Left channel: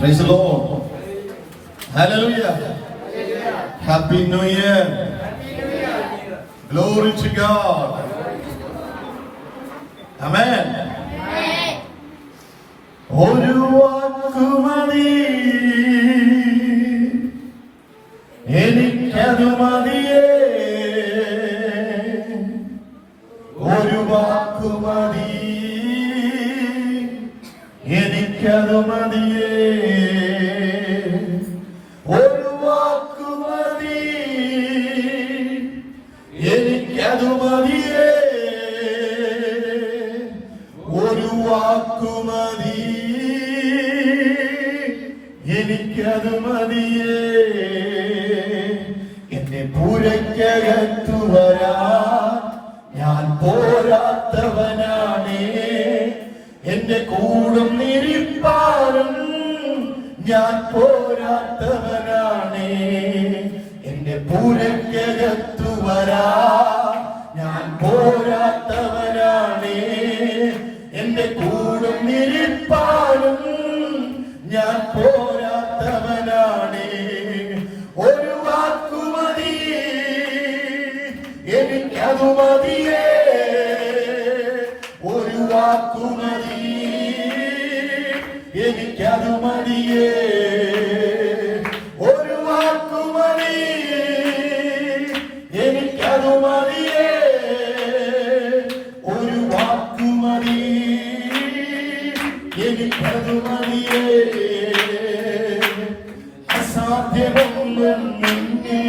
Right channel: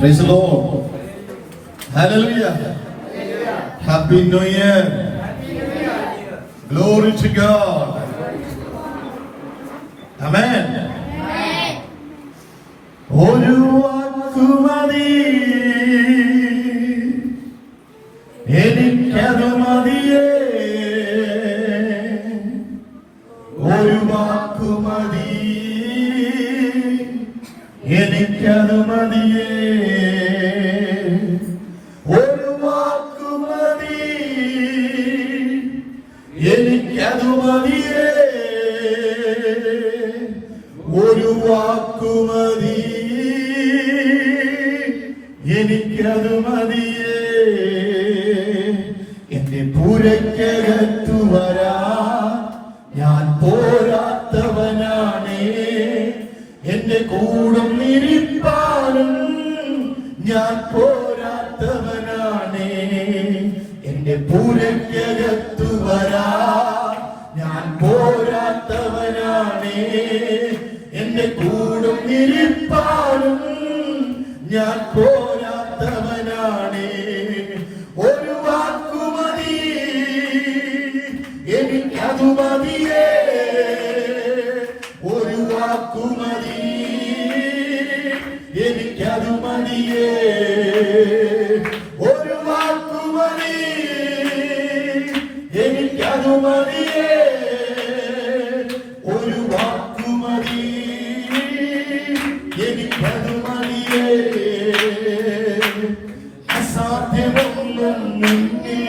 Praise the Lord. Hallelujah. Happy New Year. Glory to God. Amen. ഒരു വാക്കുമതി എനിക്കത് മതിയേ, ഒരു വാക്കുമതി എനിക്കത് മതിയേ, ഒരു വാക്കുമതി എനിക്കത് മതിയേ, ഒരു വാക്കുമതി എനിക്കത് മതിയേ. എന്നെ പൂരയ്ക്കകത്തു വരാ ഞാൻ പോരാത്തവനാണേ, എന്റെ കൂടം നിരിപ്പാനും ഞാൻ പോരാത്തവനാണേ. എന്റെ പൂരയ്ക്കകത്തു വരാ ഞാൻ പോരാത്തവനാണേ, എന്റെ കൂടം നിരിപ്പാനും ഞാൻ പോരാത്തവനാണേ. ഒരു വാക്കുമതി എനിക്കതു മതിയേ, ഒരു വാക്കുമതി എനിക്കതു മതിയേ, ഒരു വാക്കുമതി എനിക്കതു മതിയേ, ഒരു വാക്കുമതി എനിക്കതു മതിയേ. അസാധ്യമൊന്നും നിന്നിൽ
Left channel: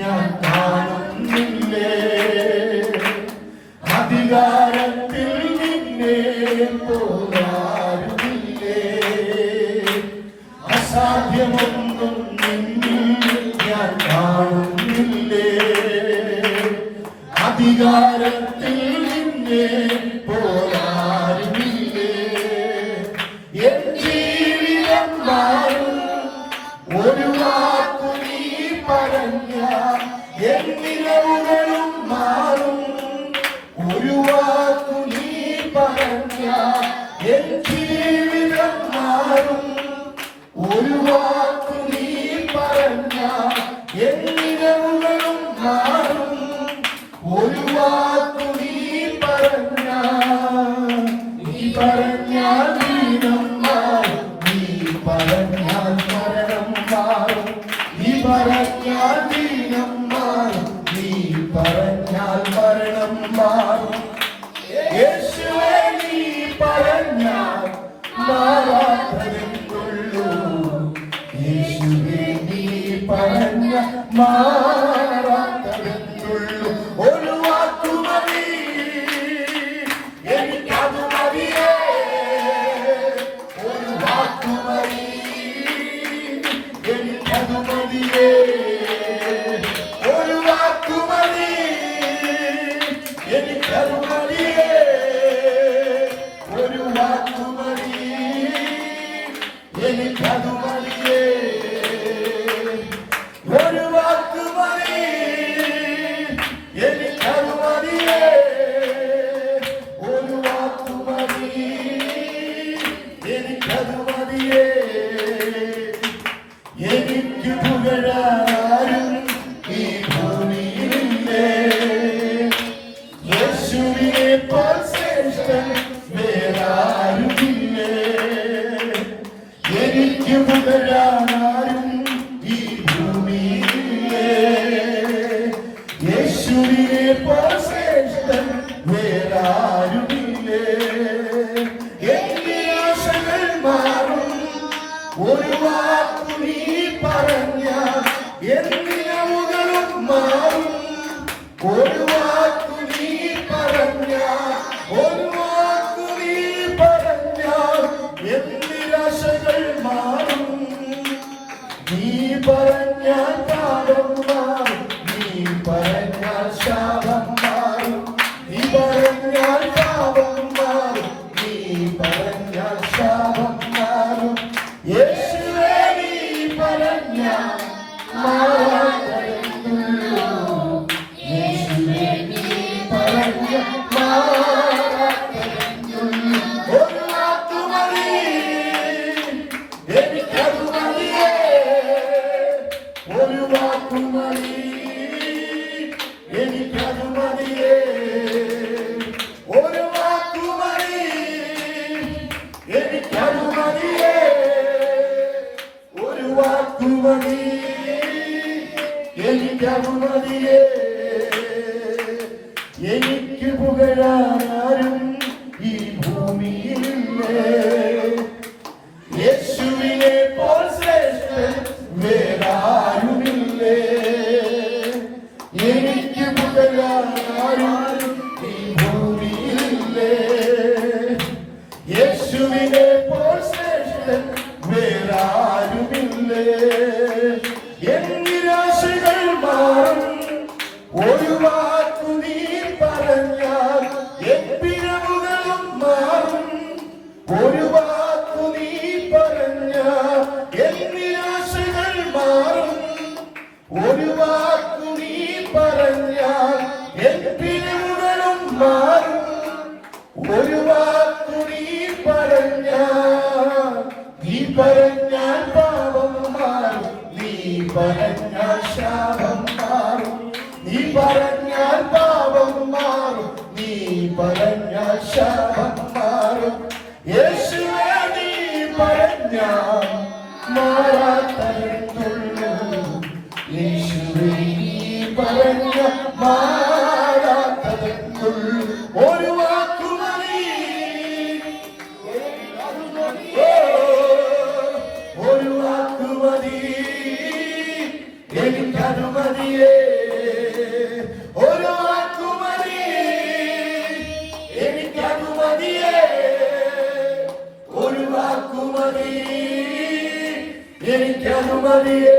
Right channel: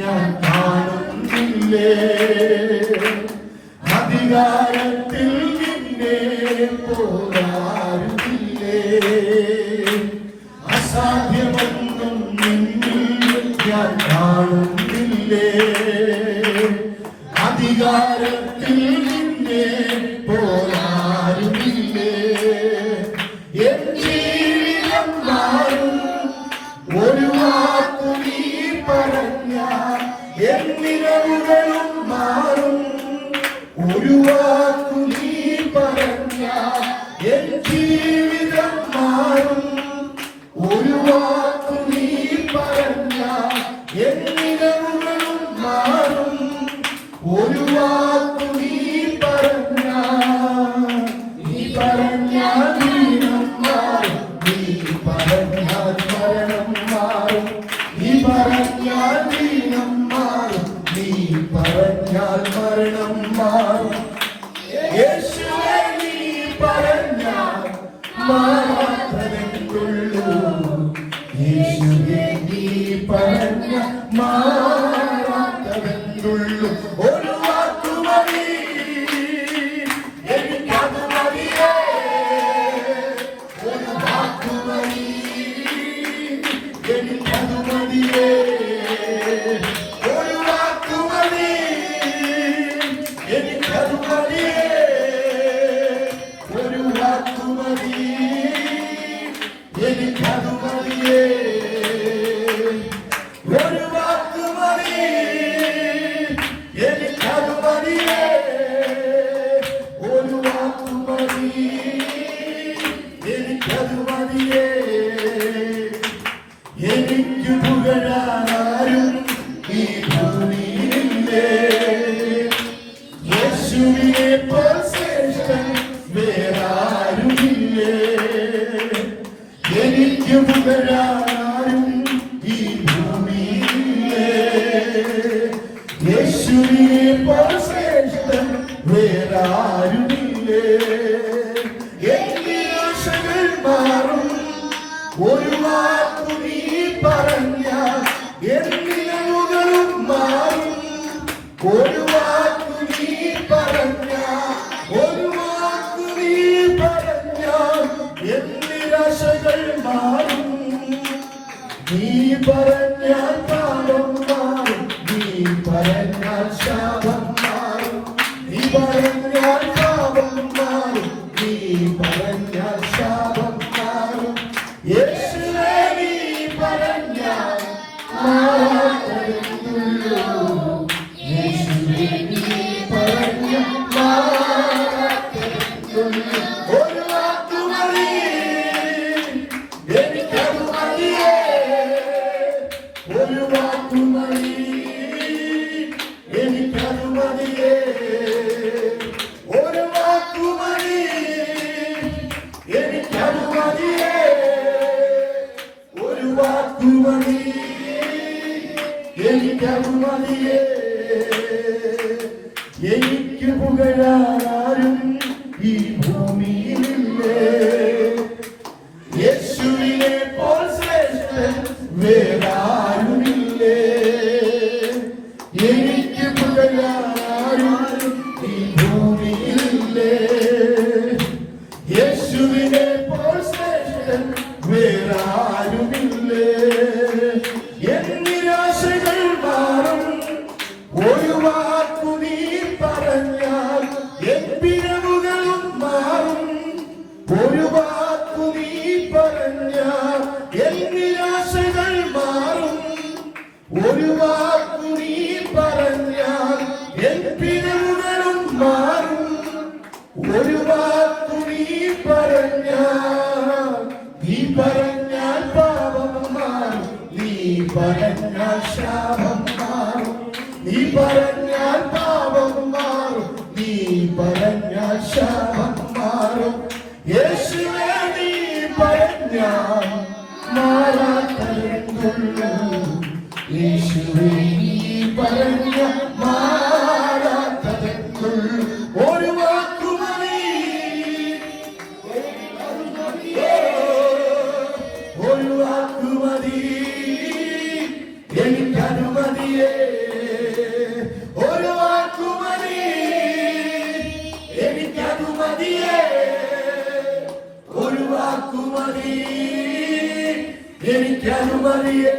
ഞാൻ കാണുന്നില്ലേ, അധികാരത്തിൽ നിന്നെ പോരാടുന്നില്ലേ. അസാധ്യമൊന്നും നിന്നിൽ ഞാൻ കാണുന്നില്ലേ, അധികാരത്തിൽ നിന്നെ പോരാടുന്നില്ലേ. എൻ ജീവിതം മാറും ഒരു വാക്കു നീ പറഞ്ഞ, എൻ നിലവുകളും മാറും ഒരു വാക്കു നീ പറഞ്ഞ, എൻ ജീവിതം മാറും ഒരു വാക്കു നീ പറഞ്ഞ, എൻ നിലവുകളും മാറും ഒരു വാക്കു നീ പറഞ്ഞ. നീ പറഞ്ഞാൽ ദീനം മാറും, നീ പറഞ്ഞാൽ മരണം മാറും, നീ പറഞ്ഞാൽ ദീനം മാറും, നീ പറഞ്ഞാൽ മരണം മാറും. യേശുവേ നീ പറഞ്ഞാൽ മാറാത്തതെന്നുള്ളൂ, യേശുവേ നീ പറഞ്ഞാൽ മാറാത്തതെന്നുള്ളൂ. ഒരു വാക്കുമതി എനിക്കത് മതിയേ, ഒരു വാക്കുമതി എനിക്കത് മതിയേ, ഒരു വാക്കുമതി എനിക്കത് മതിയേ, ഒരു വാക്കുമതി എനിക്കത് മതിയേ, ഒരു വാക്കുമതി എനിക്കത് മതിയേ, ഒരു വാക്കുമതി എനിക്കത് മതിയേ. എനിക്ക് പുകഴാരും ഈ ഭൂമിയിലില്ലേ, യേശുവിനെ പോൽ ശ്രേഷ്ഠൻ വേറാരുമില്ലേ. എനിക്ക് പുകഴാരും ഈ ഭൂമിയിലില്ലേ, യേശുവിനെ പോൽ ശ്രേഷ്ഠൻ വേറാരുമില്ലേ. എന്റെ ആശകൾ മാറും ഒരു വാക്കു നീ പറഞ്ഞ, എന്നിലും മാറും ഒരു വാക്കു നീ പറഞ്ഞ, ഒരു വാക്കു നീ പറഞ്ഞ, എന്നിലാശകൾ മാറും. നീ പറഞ്ഞാൽ പാപം മാറും, നീ പറഞ്ഞാൽ ശാപം മാറും, നീ പറഞ്ഞാൽ പാപം മാറും, നീ പറഞ്ഞാൽ ശാപം മാറും. യേശുവേ നീ പറഞ്ഞാൽ മാറാത്തതെന്നുള്ളൂ, യേശുവേ നീ പറഞ്ഞാൽ മാറാത്തതെന്നുള്ളൂ. ഒരു വാക്കുമതി എനിക്കത് എനിക്കത് മതിയേ, ഒരു വാക്കു മതി, എനിക്കത് മതിയേ. എനിക്ക് പുകഴാനും ഈ ഭൂമിയില്ലേ, യേശുവിനെ പോൽ ശ്രേഷ്ഠൻ വേറാരുമില്ലേ. എനിക്ക് പുകഴാനും ഈ ഭൂമിയില്ലേ, യേശുവിനെ പോൽ ശ്രേഷ്ഠൻ വേറാരുമില്ലേ. എന്നിരാശകൾ മാറും, ഒരു വാക്കു നീ പറഞ്ഞാൽ എൻ പിഴവുകളും മാറും. ഒരു വാക്കു നീ പറഞ്ഞാൽ എൻ നിരാശകൾ മാറും. ഒരു വാക്കു നീ പറഞ്ഞാൽ എൻ പിഴവുകളും മാറും. ഒരു വാക്കു നീ പറഞ്ഞാൽ, നീ പറഞ്ഞാൽ പാപം മാറും, നീ പറഞ്ഞാൽ ശാപം മാറും. നീ പറഞ്ഞാൽ പാപം മാറും, നീ പറഞ്ഞാൽ ശാപം മാറും. യേശുവേ നീ പറഞ്ഞാൽ മാറാത്തതുള്ളൂ, യേശുവേ നീ പറഞ്ഞാൽ മാറാത്തതുള്ളൂ. ഒരു വാക്കു മതി, ഒരു വാക്കു മതി, എനിക്കത് മതിയേ. ഒരു വാക്കു മതി, എനിക്കത് മതിയേ. ഒരു വാക്കു മതി, എനിക്കത് മതിയേ.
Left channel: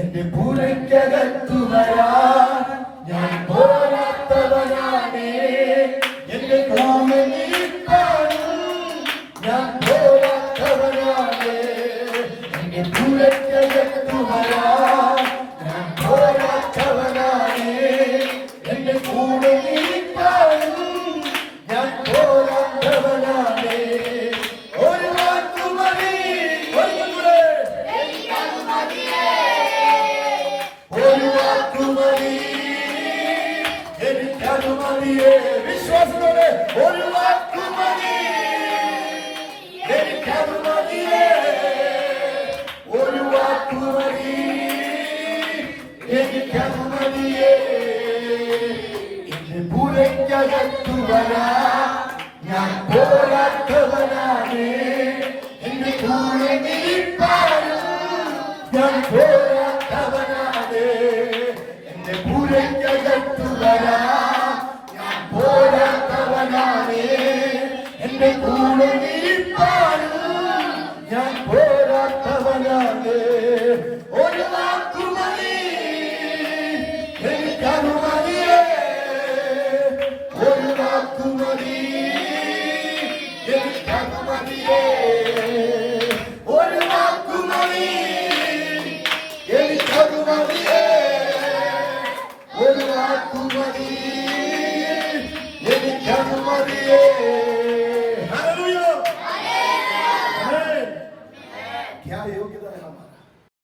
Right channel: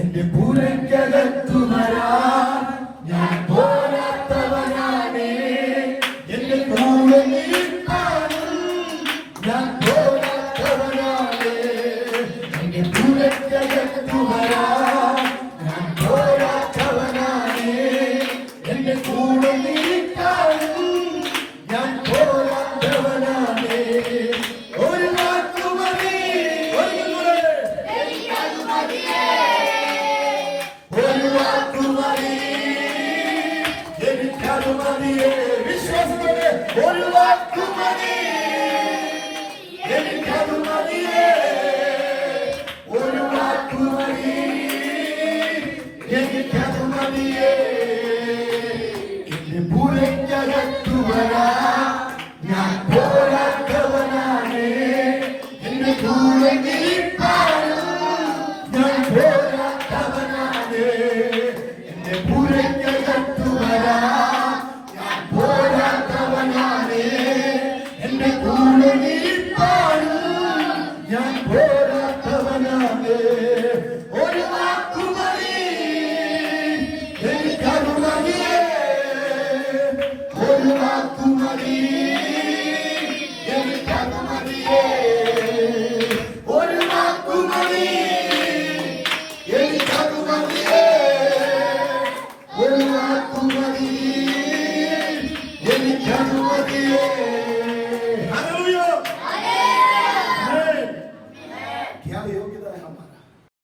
എന്റെ പൂരക്കകത്തു വരാൻ ഞാൻ പോരാത്തവനാണേ. എന്റെ കൂടെ നീക്കാനും ഞാൻ പോരാത്തവനാണേ. എന്റെ പൂരക്കകത്തു വരാൻ ഞാൻ പോരാത്തവനാണേ. എന്റെ കൂടെ നീക്കാനും ഞാൻ പോരാത്തവനാണേ. ഒരു വാക്കു മതി, ഒരു വാക്കു മതി, എനിക്കത് മതിയേ. വിശ്വാസത്തോടെ ഒരു വാക്കു മതി, എനിക്കത് മതിയേ. ഒരു വാക്കു മതി, എനിക്കത് മതിയേ. എന്റെ പൂരക്കകത്തു വരാൻ ഞാൻ പോരാത്തവനാണേ. എന്റെ കൂടെ നിൽക്കാനും ഞാൻ പോരാത്തവനാണേ. എന്റെ പൂരക്കകത്തു വരാൻ ഞാൻ പോരാത്തവനാണേ. എന്റെ കൂടെ